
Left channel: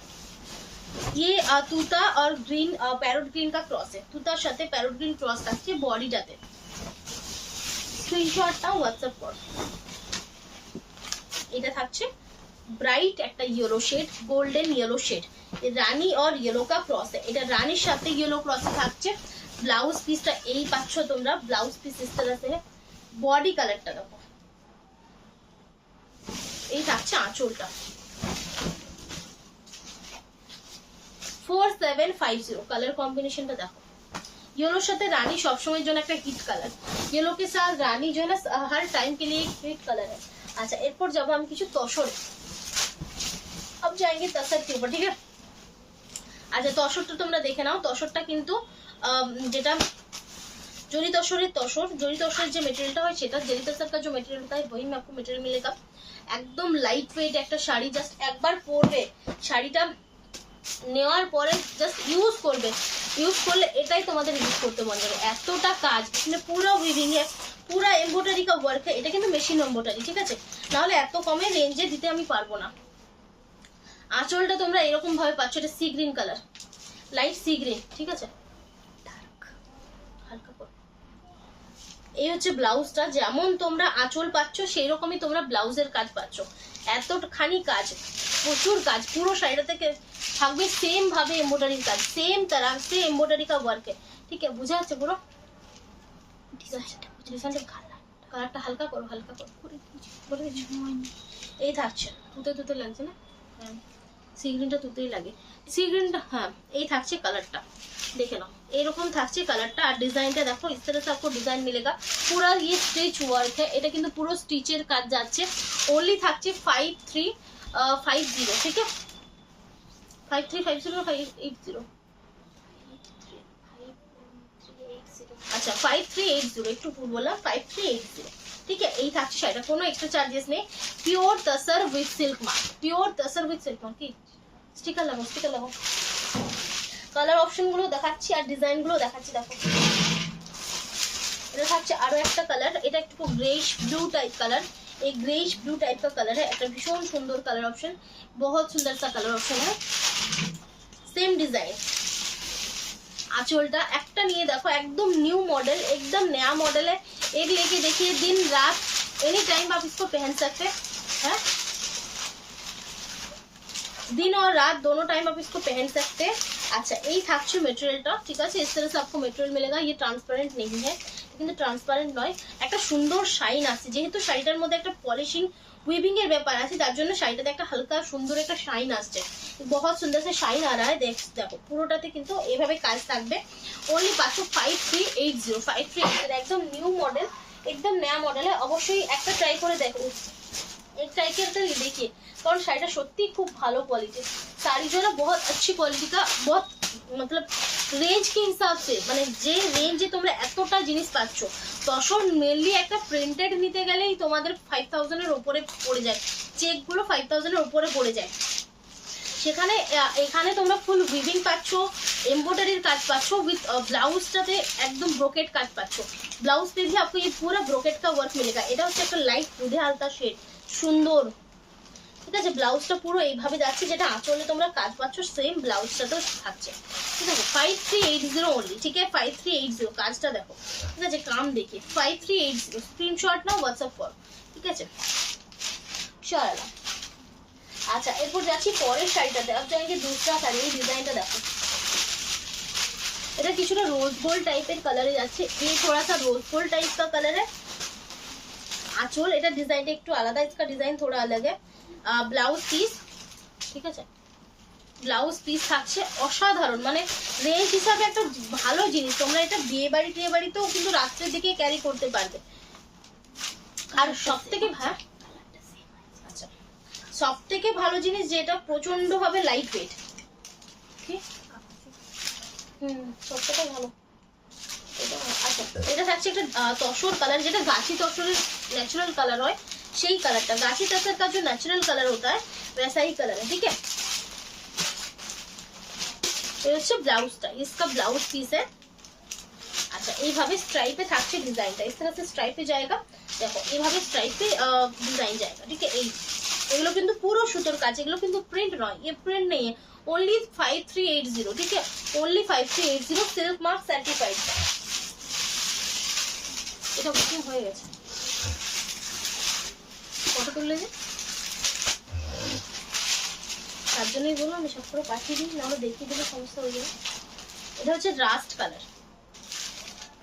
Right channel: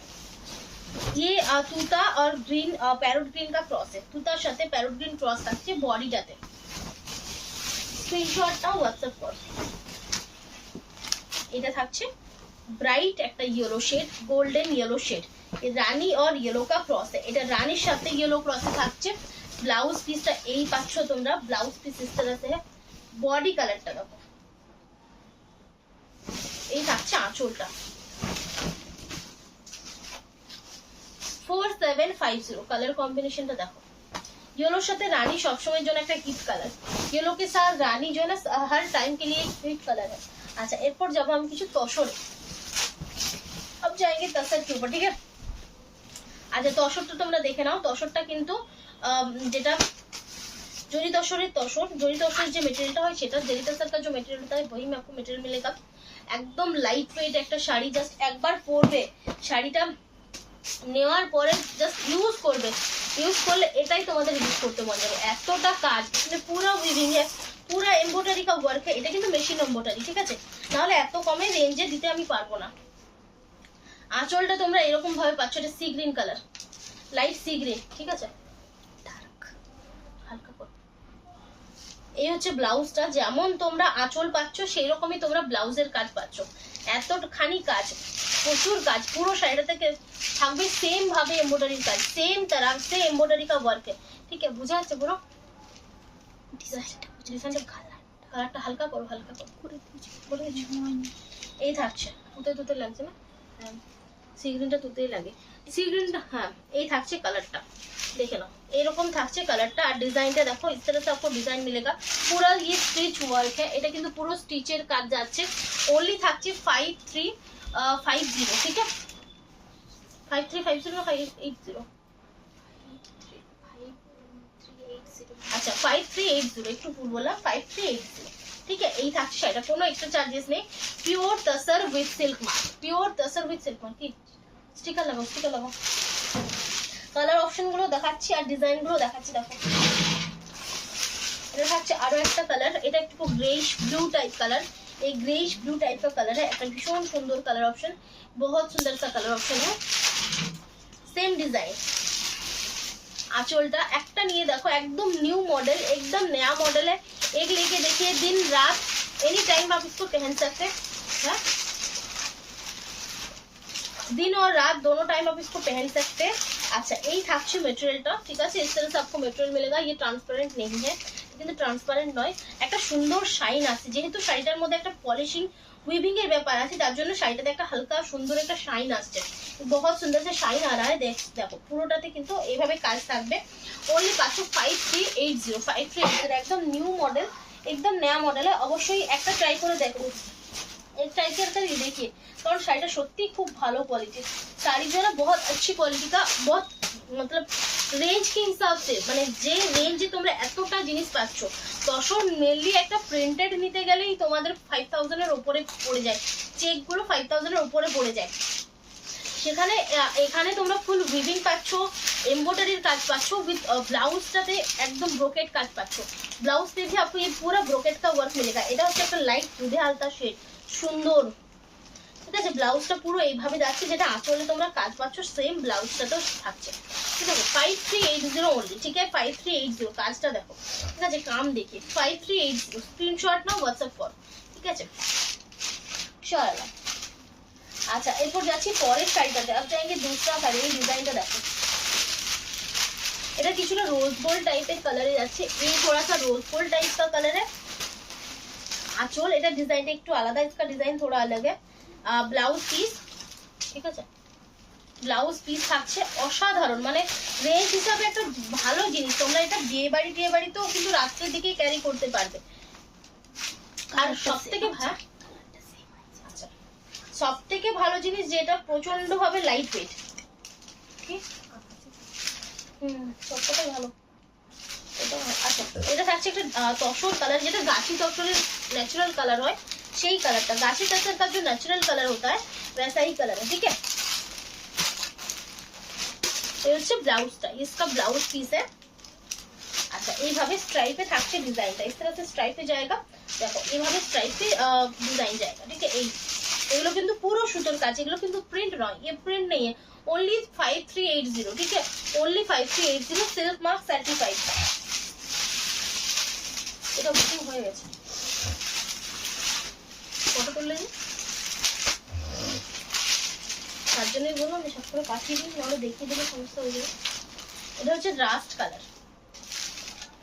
ये तूता और ग्रीन पैरोट ग्रीन का क्रॉस है, तूतार সাথে पैरोट ग्रीन क्रॉस থাকছে বডিটাতে। স্ক্রিনশটটা হোয়াটসঅ্যাপ করো। এটা থাকছে ব্রাইট একটা yellow shade, golden yellow shade. ये রানী और येलो का क्रॉस है, এটা রানীর সাথে ইয়েলো ক্রসে থাকছে। ব্লাউজ পিসটা এই পাচ্ছ তোমরা, ব্লাউজ পিস इस तरह से है। বডি কালারটা দেখো, এই থাকছে আঁচলটা। 4750 कलर कॉम्बिनेशनটা দেখো। येलोর সাথে রানী সবসময়ের জন্য একটা হিট কালার, येलो के साथ रानी जो है ना हर टाइम के लिए एक हिट कलर है। अच्छा, এরপর যাব আমি কিছু তসরে। अब जाएंगे तसर के ऊपर। ठीक है, अच्छा তসরটা তোমরা দেখে নাও। তসরটা কিন্তু যেটা जरी तसरेर तसर, जरी तसरेर जो मटेरियलটা হয় সেটা, जरी तसर का जो मटेरियल होता है वही में आपको मटेरियल मिलेगा। একদম লাইট ওয়েট একটা শাড়ি, জাস্ট একবার পরবে, শাড়িটা নেওয়ার পরে জাস্ট ইউজ করবে, ইউজ করলে এটাই তোমাদের ইউজ করতে মন যাবে। এতটা কাজ, মানে পুরো উইভিং এ, পুরো এমব্রয়ডারি का ওয়ার্ক है। এটা কিন্তু মেশিন এমব্রয়ডারি। ঠিক আছে, না হলে এত কমে রেঞ্জে দিতে আমি পারবো না। আঁচলটা তোমরা এরকম ভাবে পাচ্ছ, এটা sea green colour, light sea green. ঠিক আছে, ডার্ক হালকা করে। এই হচ্ছে ব্লাউজটা, যেমন তোমরা আঁচল পাচ্ছ সেই রকমই তোমরা ব্লাউজের কাজ পাচ্ছ। এতখানি কাজ, প্রচুর কাজ, পুরো শাড়িটা থেকে থাকবে সেম ভাবে এমব্রয়ডারির কাজ, সেম तरह से एम्ब्रॉयडरी का वर्क है। ठीक है, বুঝা যাচ্ছে পুরো? ডিজাইনটা কালারটা হালকা করো, হালকা করো, বলে দিচ্ছি। এই থাকছে, তুতে তুতে লাগছে না? হ্যাঁ, সি গ্রিনটা তুতেই লাগে। সি গ্রিনটা, হ্যাঁ এই থাকছে কালারটা, দেখে নাও এরকম থাকছে কালারটা। আর ডিজাইনটা দেখো, इस तरह से आपको डिजाइन मिलेगा। पूरा ये स्टिच वर्क है, এটা কিন্তু পুরো স্টিচের কাজ যাচ্ছে। ओनली থাকছে 5350। ठीक है, 5350 না 580? अच्छा 5380, একটু ভুল বললাম, 5380। ठीक है, এই থাকছে শাড়িটা, কোনো এক্সট্রা চার্জেস নেই। Pure tussar with silk mark, pure tussar with silk mark. কি স্টিকার লাগাও, স্টিকার লাগাও। কালার অপশন গুলো দেখাচ্ছি আর ডিজাইন গুলো দেখাচ্ছি। দেখো, এটা থাকছে আরো একটা কালার, এটা একটু গ্রেইশ ব্লু টাইপ কালার। एक ग्रेइश ब्लू टाइप का कलर है, একটা ভীষণ সুন্দর কালার অপশন, बहुत सुंदर सा कलर ऑप्शन है। सेम डिजाइन आंचलটা একটা নিয়ে দেখো, একদম न्यू मॉडल, एकदम नया मॉडल है। एक लेके देखिए, दिन रात एनी टाइम आप इसको पहन सकते हैं, दिन और रात दोनों टाइम आप इसको पहन सकते हैं। अच्छा এই থাকছে মেটেরিয়ালটা, ঠিক আছে। इस तरह से आपको मेटेरियल मिलेगा, ये ट्रांसपेरेंट नहीं है, কিন্তু ট্রান্সপারেন্ট নয়, একটা সুন্দর শাইন আছে, যেহেতু শাড়িটার মধ্যে একটা পলিশিং উইভিং এর ব্যাপার আছে, তার জন্য শাড়িটাতে একটা হালকা সুন্দর একটা শাইন আসছে, बहुत सुंदर से शाइन आ रहा है। দেখো পুরোটাতে কিন্তু এইভাবে কাজ থাকবে। ओनली পাচ্ছ 5380, 5380 একদম নিউ মডেল, একদম नया মডেল है। অবশ্যই একটা ট্রাই করে দেখো, एक ट्राई करके देखिए, কারণ শাড়িটা সত্যি খুব ভালো কোয়ালিটি, শাড়ি जो है बहुत अच्छी क्वालिटी का, बहुत मतलब রেঞ্জ के हिसाब से, মানে যে রেঞ্জে তোমরা এতটা জিনিস পাচ্ছ, তখন মেনলি একটা প্রিন্টেড নিতে গেলেই তোমাদের 5000 এর উপরে পড়ে যায়, চেক গুলো 5000 এর উপরে পড়ে যায়। সেখানে এখানে তোমরা ফুল উইভিং পাচ্ছ, एम्ब्रॉयडरीर काज पाচ্ছো, विद ब्लाउजটাতে একদম ব্রোকেট কাজ পাচ্ছো। ब्लाउज पे भी आपको ये पूरा ब्रोकेट का वर्क मिलेगा। এটা হচ্ছে একটা লাইট দুধে হালকা শেড, সুন্দর, ঠিক আছে। ব্লাউজটা পুরো এইভাবে যাচ্ছে, যেটা আঁচলে তোমরা কাজ পাচ্ছ সেম ব্লাউজটাতেও থাকছে, ঠিক আছে। 5380 ओनली, ठीक है, 5380 কাজটা দেখো, ঠিক আছে। কাম देखिए 5380, স্ক্রিনশট নাও, হোয়াটসঅ্যাপ করো, ঠিক আছে। চলো अच्छा, এরপর যাচ্ছি পরের শাড়িটাতে। अब जाएंगे दूसरा শাড়ি। এই ডিজাইনটা দেখো, এটা কিছুটা रोज गोल्ड টাইপের কালারে যাচ্ছে, এই थोड़ा सा रोज गोल्ड टाइप का कलर है। আঁচল এটা ডিজাইনটা একটু আলাদা, इसका डिजाइन थोड़ा अलग है। ব্লাউজ পিস, ঠিক আছে, ব্লাউজ পিস থাকছে অসাধারণ, মানে রেঞ্জ হিসাবে একটা ভালো জিনিস। তোমরা এটা বিয়ে বাড়িতেও কিন্তু রাত্রের দিকে ক্যারি করতে পারবে। আর সবথেকে সবথেকে ভালো জিনিস যেটা প্রচন্ড ভাবে লাইট ওয়েট, সবথেকে ভালো এটা। আচ্ছা, এটা থাকছে একটা তসর কালার, যেটা গাছি তসরের ন্যাচারাল কালার হয়, সেই কালারটা। गाछी तसर का जो नेचुरल कलर होता है वैसा ही कलर है, ठीक है। ये হচ্ছে ব্লাউজটা, इसका ब्लाउज पीस है। अच्छा, এইভাবে স্ট্রাইপে থাকছে ডিজাইনটা, इस तरह से স্ট্রাইপে जाएगा, দেখো এইভাবে স্ট্রাইপে ডিজাইন जाएगा, ठीक है। এই এগুলো কিন্তু পুরো সুতোর কাজ, এগুলো কিন্তু প্রিন্ট নয়, ये प्रिंट नहीं है। ओनली 5380, ठीक है, ओनली 5380, सिल्क मार्क सर्टिफाइड। এটা বুকিং হয়ে গেছে, কত তুললে যে তার জন্যই বললাম আমি সব করে পাঠিয়ে দিই, নাহলে দেখিয়ে দিলে সমস্যা হয়ে যাবে। এটা হচ্ছে রাস্ট কালার,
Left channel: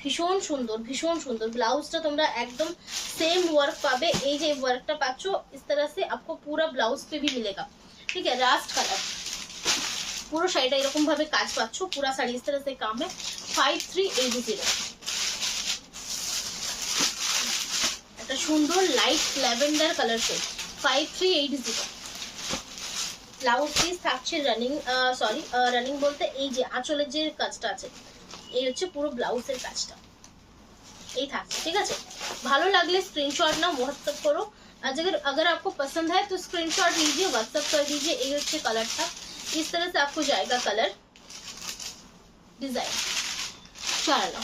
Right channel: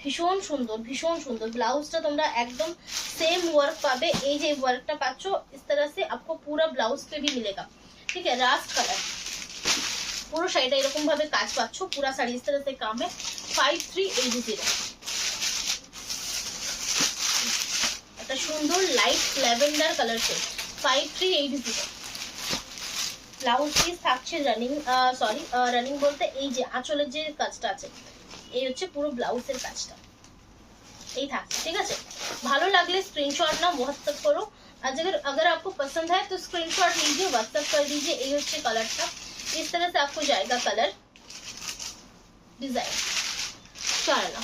ভীষণ সুন্দর, ভীষণ সুন্দর। ব্লাউজটা তোমরা একদম सेम वर्क पाবে, এই যে ওয়ার্কটা পাচ্ছ इस तरह से आपको पूरा ब्लाउज पे भी मिलेगा, ठीक है। रास्ट कलर পুরো শাড়িটা এরকম ভাবে কাজ পাচ্ছ, पूरा শাড়ি इस तरह से काम है। 5380, একটা সুন্দর light lavender colour shade, 5380। Blouse piece থাকছে রানিং, সরি রানিং বলতে এই যে আঁচলের যে কাজটা আছে, এই হচ্ছে পুরো ব্লাউজের কাজটা, এই থাকছে, ঠিক আছে। ভালো লাগলে স্ক্রিনশট নাও, হোয়াটসঅ্যাপ করো। अगर आपको पसंद है तो स्क्रीनशॉट लीजिए, व्हाट्सएप कर दीजिए। ये হচ্ছে কালারটা, इस तरह से आपको जाएगा कलर डिजाइन। চলো,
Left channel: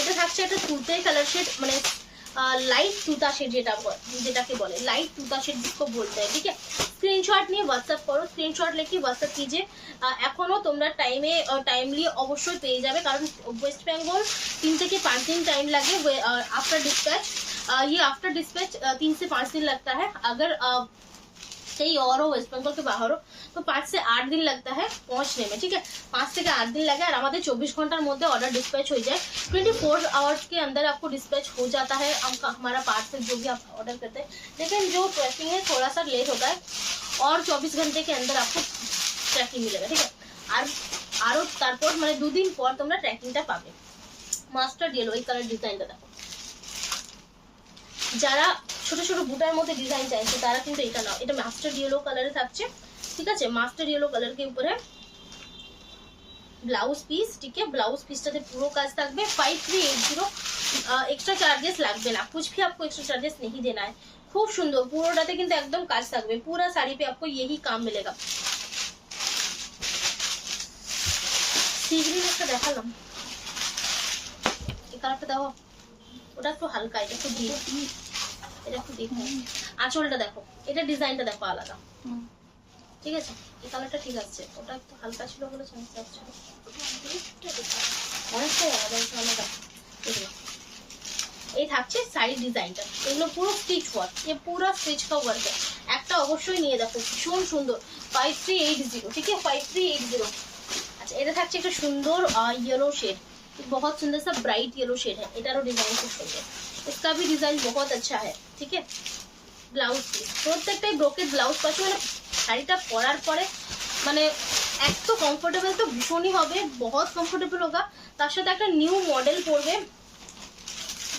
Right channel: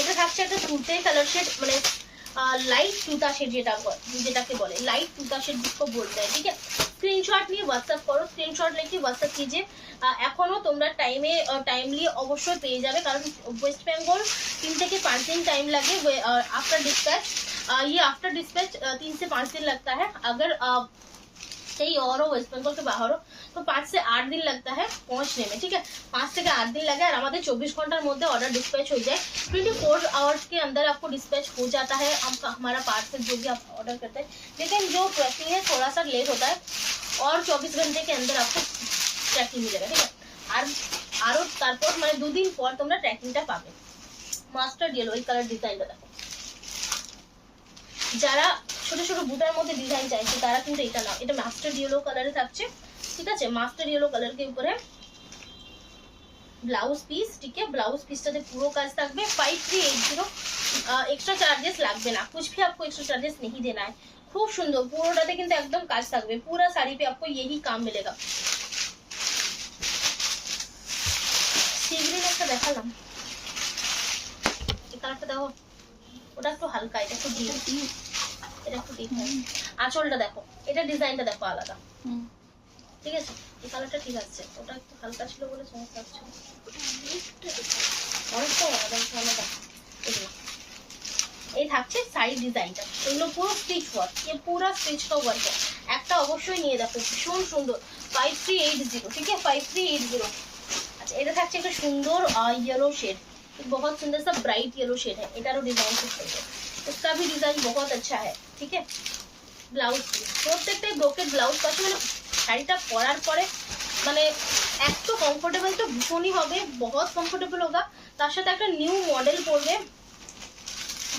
এটা থাকছে একটা তুতে কালার শেড, মানে लाइट तुता शेड, যেটাকে বলে लाइट तुता शेड जिसको बोलते हैं, ठीक है। स्क्रीनशॉट নিয়ে হোয়াটসঅ্যাপ করো, স্ক্রিনশট লিখে হোয়াটসঅ্যাপ कीजिए। এখনো তোমরা টাইমলি অবশ্যই পেয়ে যাবে, কারণ ওয়েস্ট বেঙ্গল 3 থেকে 5 दिन टाइम लगे आफ्टर डिस्पैच। ये आफ्टर डिस्पैच 3 से 5 दिन लगता है। अगर कहीं और हो, वेस्ट बंगाल के बाहर हो, तो 5 से 8 दिन लगता है पहुंचने में, ठीक है। 5 से 8 दिन लगे, और हमारे 24 घंटार मध्य ऑर्डर डिस्पैच हो जाए। 24 आवर्स के अंदर आपको डिस्पैच हो जाता है हमारा पार्सल जो भी आप ऑर्डर करते हैं। लेकिन जो ट्रैकिंग है थोड़ा सा लेट होता है, और 24 घंटे के अंदर आपको ट्रैकिंग मिलेगा, ठीक है। आरो तारपर মানে 2 दिन পর তোমরা ট্র্যাকিংটা পাবে। মাস্টার ইয়েলো এই কালার ডিজাইনটা দেখো, যারা ছোট ছোট বুটার মধ্যে ডিজাইন চাইছে তারা কিন্তু এটা নাও। এটা মাস্টার ইয়েলো কালারে থাকছে, ঠিক আছে। মাস্টার ইয়েলো कलर के ऊपर है ব্লাউজ পিস, ঠিক है। ব্লাউজ পিসটাতে পুরো কাজ থাকবে। 5380, एक्स्ट्रा चार्जेस লাগবে ना, कुछ भी आपको एक्स्ट्रा चार्जेस नहीं देना है। खूब सुंदर, পুরোটাতে কিন্তু একদম কাজ থাকবে, पूरा साड़ी पे आपको यही काम मिलेगा। सी ग्रीन একটা দেখালাম, এই কালারটা দাও, ওটা একটু হালকা, এটা একটু ডিপ, এটা একটু ডিপ হয়। আঁচলটা দেখো, এটা ডিজাইনটা দেখো আলাদা, ঠিক আছে? এই কালারটা ঠিক আছে, ওটা একটু হালকা ছিল বলে সমস্যা হচ্ছিল, অনেকটাই আলাদা। এগুলো এই থাকছে শাড়ির ডিজাইনটা, এগুলো পুরো স্টিচ ওয়ার্ক, এ পুরো স্টিচ का वर्क है। একটা অবশ্যই নিয়ে দেখো, ভীষণ সুন্দর, 5380, ঠিক আছে? 5380। अच्छा, এটা থাকছে একটা সুন্দর येलो शेड, बहुत सुंदर सा ब्राइट येलो शेड है। এটারও ডিজাইন খুব সুন্দর, इसका भी डिजाइन बहुत अच्छा है, ठीक है? ব্লাউজ পিস প্রত্যেকটাই ব্রোকেট ব্লাউজ পাচ্ছি, মানে শাড়িটা পরার পরে মানে এত কমফোর্টেবল তো ভীষণই হবে, বহুত কমফোর্টেবল होगा। তার সাথে একটা নিউ মডেল পরবে,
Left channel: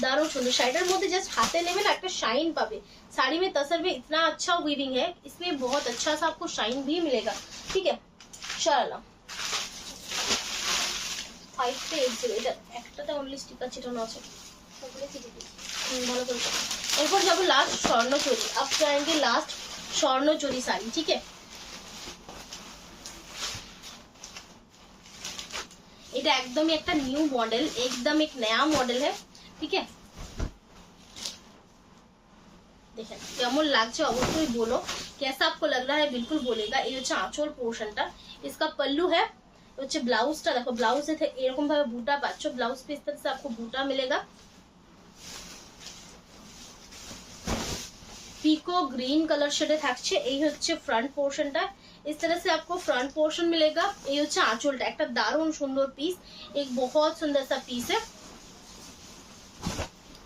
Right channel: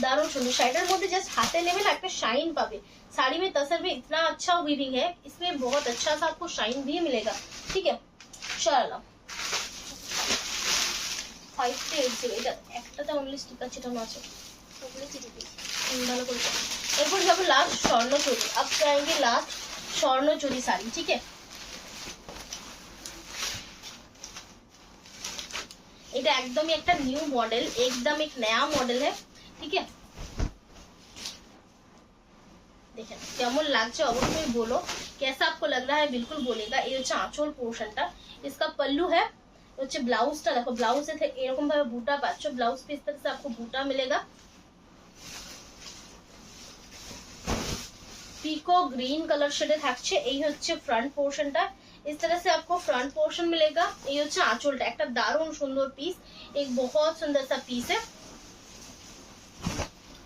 दारुण सुंदर। शाइडर मध्य जस्ट हाथे लेवे ना, एक शाइन पावे। साड़ी में तसर में इतना अच्छा वीविंग है, इसमें बहुत अच्छा सा आपको शाइन भी मिलेगा, ठीक है? चलो 5380, এটা একটাতে অনলি স্টিকার চিটানো আছে, ভালো করে। এরপর যাবো লাস্ট স্বর্ণচুরি, अब जाएंगे लास्ट স্বর্ণচুরি শাড়ি, ठीक है? এটা একদমই একটা নিউ মডেল, एकदम एक नया मॉडल है, ठीक है? देखें কেমন লাগছে অবশ্যই বলো, कैसा आपको लग रहा है बिल्कुल बोलेगा। এই হচ্ছে আঁচল পোরশনটা, इसका पल्लू है, হচ্ছে ব্লাউজটা দেখো, ব্লাউজে এরকম ভাবে বুটা পাচ্ছ, ব্লাউজ पे इस तरह से आपको बूटा मिलेगा। পিকো গ্রিন কালার শেডে থাকছে, এই হচ্ছে ফ্রন্ট পোর্শনটা, इस तरह से आपको फ्रंट पोर्शन मिलेगा। এই হচ্ছে আঁচলটা, একটা দারুণ সুন্দর পিস, एक बहुत सुंदर सा पीस है।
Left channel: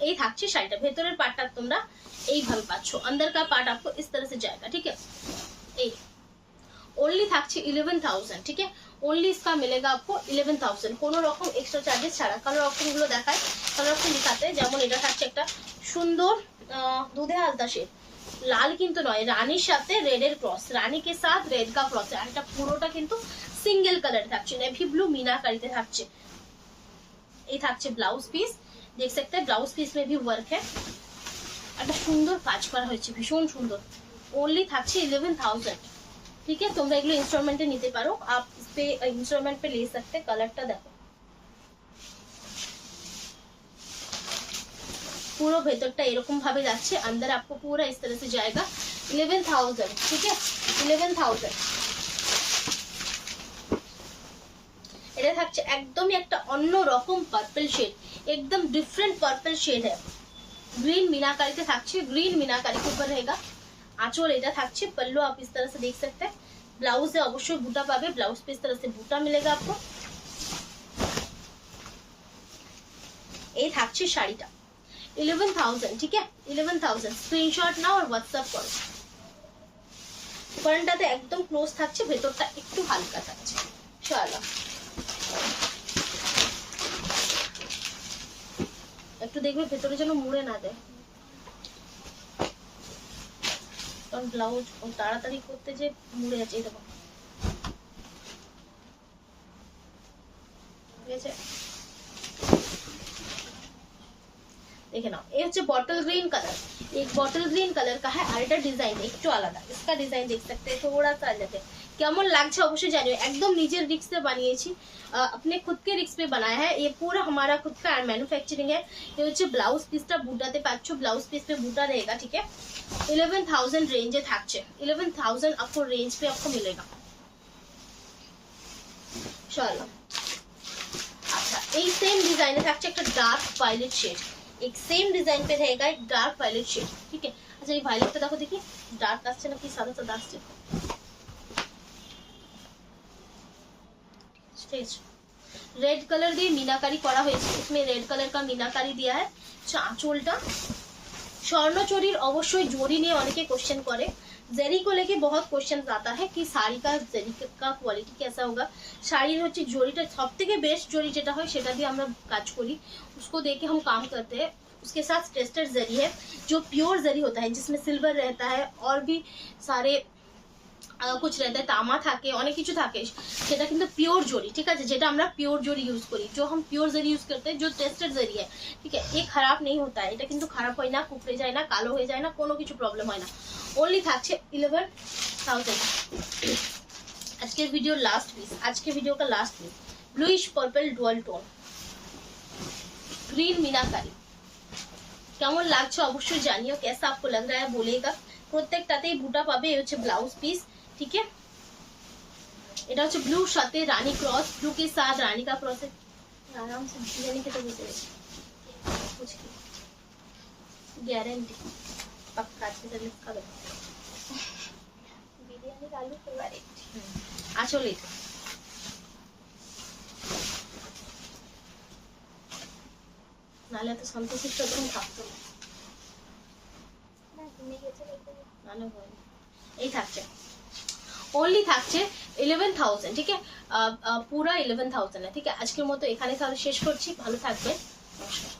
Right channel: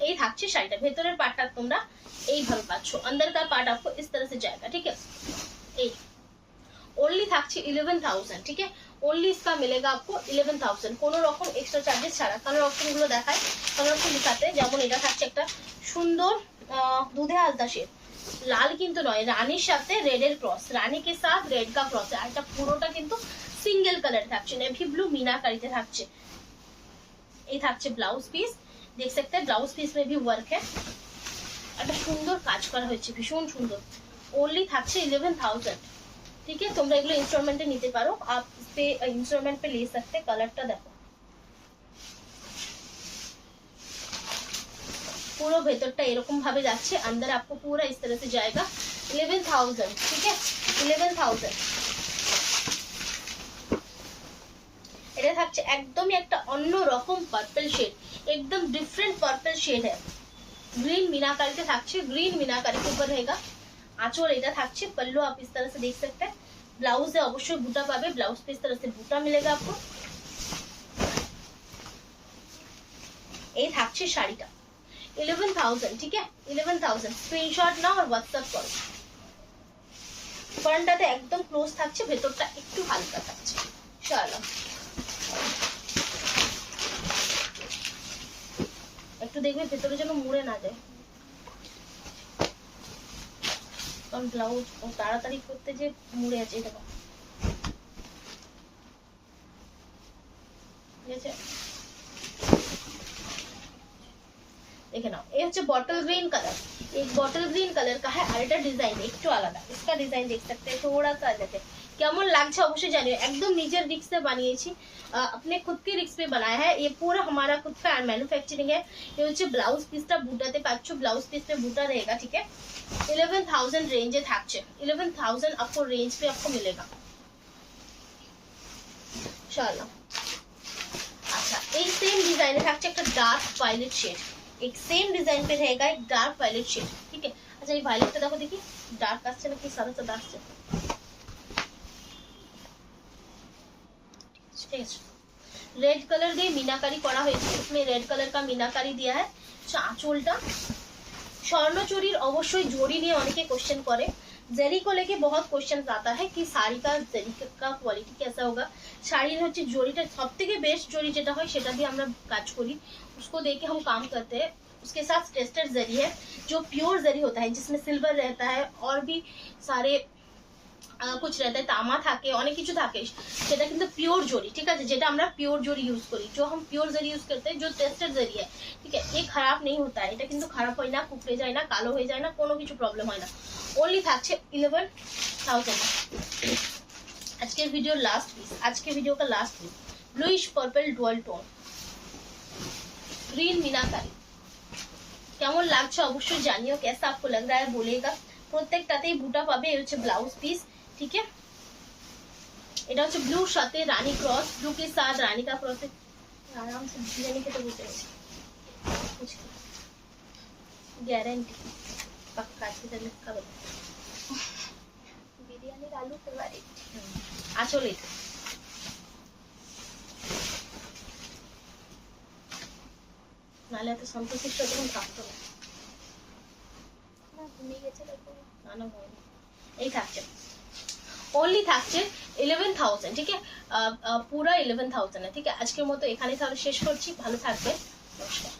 এই থাকছে শাড়িটা, ভেতরের পার্টটা তোমরা এইভাবে পাচ্ছ, अंदर का पार्ट आपको इस तरह से जाएगा, ठीक है? এই ओनली থাকছে 11000, ठीक है? ओनली इसका मिलेगा आपको 11000, কোনো রকম এক্সট্রা চার্জেস ছাড়া। কালার অপশন গুলো দেখায়, কালার অপশন দেখাতে যেমন এটা থাকছে একটা সুন্দর দুধে হালতা শেড, লাল কিন্তু নয়, রানীর সাথে রেডের ক্রস, রানী के साथ रेड का क्रॉस है। আর এটা পুরোটা কিন্তু সিঙ্গেল কালার থাকছে, নেভি ব্লু মিনাকারিতে থাকছে। এই থাকছে ব্লাউজ পিস, देख सकते हैं ब्लाउज पीस में भी वर्क है, একটা সুন্দর কাজ করা হয়েছে, ভীষণ সুন্দর। ओनली থাকছে 11000, ठीक है? তোমরা এগুলো ইনস্টলমেন্টে নিতে পারো, आप इस पे इंस्टॉलमेंट पे ले सकते। কালারটা দেখো, पूरा ভেতরটা এরকম ভাবে যাচ্ছে, अंदर आपको पूरा इस तरह से जाएगा। 11000, ठीक है? 11000। এটা থাকছে একদমই একটা অন্য রকম পার্পল শেড, एकदम डिफरेंट पर्पल शेड है। ग्रीन मीनाकारी के থাকছে, ग्रीन मीनाकारी के ऊपर रहेगा। आंचल এটা থাকছে, पल्लू आप इस तरह से देख सकते हैं। ब्लाउज है অবশ্যই বুটা পাবে, ब्लाउज पे इस तरह से बूटा मिलेगा आपको। এই থাকছে শাড়িটা 11000, ठीक है? 11000 স্ক্রিনশট নাও আর হোয়াটসঅ্যাপ করো। ফ্রন্টটাতে একদম ক্লোজ থাকছে, ভেতরটা একটু হালকা থাকছে। চলো একটু দেখবে ভেতরে যেন মুড়ে না যায়, কারণ ব্লাউজ তাড়াতাড়ি করতে যে মুড়ে আছে, দেখো, ঠিক আছে? देखे ना, ये হচ্ছে बॉटल ग्रीन कलर, एक बॉटल ग्रीन कलर का है, और এটা ডিজাইন একটু আলাদা। इसका डिजाइन देख सकते हैं, थोड़ा सा अलग है। কেমন লাগছে অবশ্যই জানিও, একদম নিজের রিস্ক पे বানিয়েছি, अपने खुद के रिस्क पे बनाया है, ये पूरा हमारा खुद का मैन्युफैक्चरिंग है। ये হচ্ছে ব্লাউজ পিসটা বুটাতে পাচ্ছো, ব্লাউজ পিস पे बूटा रहेगा, ठीक है? 11000 रेंजे থাকছে, 11000 आपको रेंज पे आपको मिलेगा। चलो अच्छा, এই সেম ডিজাইনে থাকছে একটা ডার্ক ভায়োলেট শেড, एक सेम डिजाइन पे रहेगा, एक डार्क वायलेट शेड, ठीक है? अच्छा, ये वायलेट पे देखो, देखिए डार्क আসছে নাকি সাদা সাদা আসছে, रेड कलर দিয়ে मीनाकारी করা হয়েছে, इसमें रेड कलर का मीनाकारी दिया है। আঁচলটা স্বর্ণচুরির অবশ্যই জড়ি নিয়ে অনেকে কোশ্চেন করে, जरी को लेके बहुत क्वेश्चन आता है कि শাড়ি का जरी का क्वालिटी कैसा होगा। শাড়ির হচ্ছে জড়িটা সবথেকে বেস্ট জড়ি যেটা হয় সেটা দিয়ে আমরা কাজ করি, उसको देके हम काम करते हैं। उसके साथ टेस्टेड जरी है जो प्योर जरी होता है, जिसमें सिल्वर रहता है और भी सारे कुछ रहता है, तामा থাকে, অনেক কিছু থাকে, সেটা কিন্তু পিওর জরি, ঠিক আছে? যেটা আমরা পিওর জরি ইউজ করি, जो हम प्योर जरी यूज करते हैं, जो टेस्टेड जरी है, ठीक है? ये खराब नहीं होता है, এটা কিন্তু খারাপ হয় না, কুকড়ে যায় না, কালো হয়ে যায় না, কোনো কিছু প্রবলেম হয় না। ओनली থাকছে 11000। আজকে ভিডিও লাস্ট পিস, আজকে ভিডিও का last piece, bluish purple dual tone, green meenakari, কেমন লাগছে অবশ্যই জানিও, कैसा आपको लग रहा है बोलेगा। প্রত্যেকটাতেই বুটা পাবে। এই হচ্ছে ব্লাউজ পিস, ঠিক আছে। এটা হচ্ছে ব্লুর সাথে রানী क्रॉस, ब्लू के साथ रानी का क्रॉस। आराम से बिरयानी के तो बोलते हैं कुछ गारंटी पक्का से लिखा लो बिरयानी आलू फेवरेट আসলে নালে এত সন্তোষিত তুমি থাকতো না তুমি গেছে না না বলো এই থাকছে ओनली থাকছে 11,000, ঠিক আছে। পুরা 11,000 है, ठीक है। আজকের মতো এখানে তাহলে শেষ করছি। ভালো থাকবে, নমস্কার।